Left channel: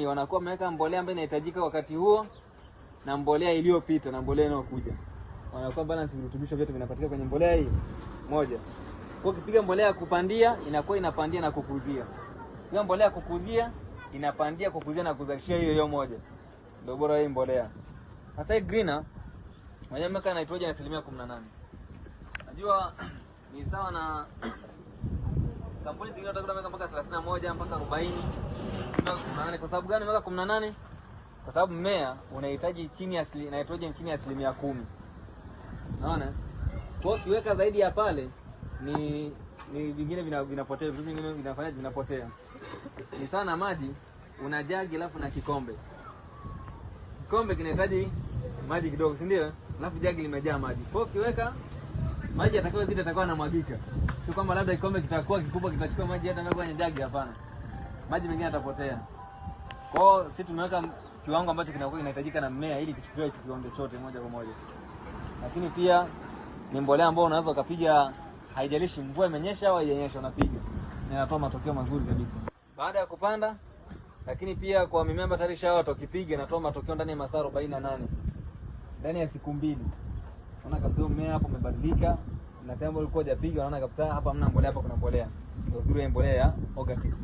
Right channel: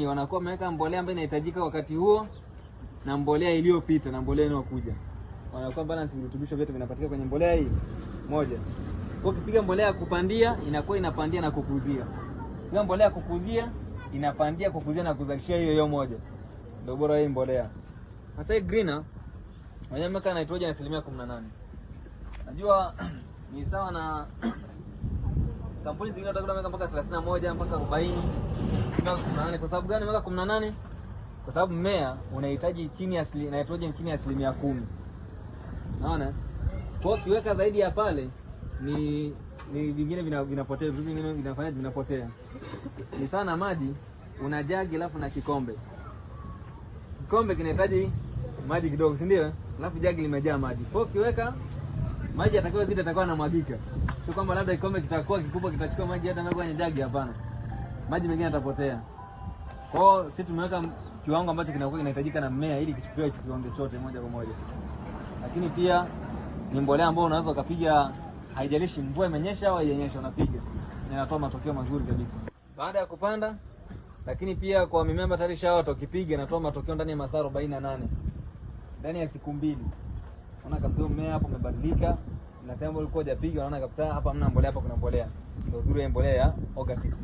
shambani wanakuwa wameweka mbolea ambayo inahitajika wakati huo na mbolea iliyopita na mbolea inayokuja. Wanakuwa balance, virutubisho vyote vinapatikana kwenye mbolea hii moja. Kwa ukipiga mbolea ya kupandia inakuwa inapandia na kukuzia. Hiyo mbolea ya kukuzia inapandia, kukuzia na kuzalishia hiyo moja. Ndio bora hii mbolea. Sasa hii greener wameweka nitrogen 18%. Najua ni sawa na kampuni zingine utakuta mpaka 31 mpaka 40 mpaka 18. Kwa sababu gani mpaka 18? Kwa sababu mmea unahitaji chini ya nitrogen chini ya 10%. Unaona? Kwa hiyo kiweka zaidi ya pale ni vingine vinapotea, vitu vingine vinafanya vinapotea. Ni sana maji, una jagi alafu na kikombe. Kikombe kinahitaji maji kidogo, si ndio? Alafu jagi limejaa maji. Kwa hiyo kiweka maji yatakuwa zidi yatakuwa yanamwagika. Sio kwamba labda kikombe kitakuwa kikubwa kitachukua maji hata mbele kwenye jagi, hapana. Maji mengine yatapotea. Kwa hiyo sisi tumeweka kiwango ambacho kinakuwa kinahitajika na mmea ili kichukue kiwango chote moja kwa moja. Lakini pia ni mbolea ambayo unaweza ukapiga, haijalishi mvua imenyesha au haijanyesha, unapiga. Inatoa matokeo mazuri kabisa. Baada ya kupanda, lakini pia kwa mimea ambayo tayari shaota ukipiga inatoa matokeo ndani ya masaa 48. Ndani ya siku 2. Unaona kabisa mmea hapo umebadilika. Na sasa ulikuwa hujapiga unaona kabisa hapa hamna mbolea, hapa kuna mbolea. Ndio zuri ya mbolea ya Ogatix.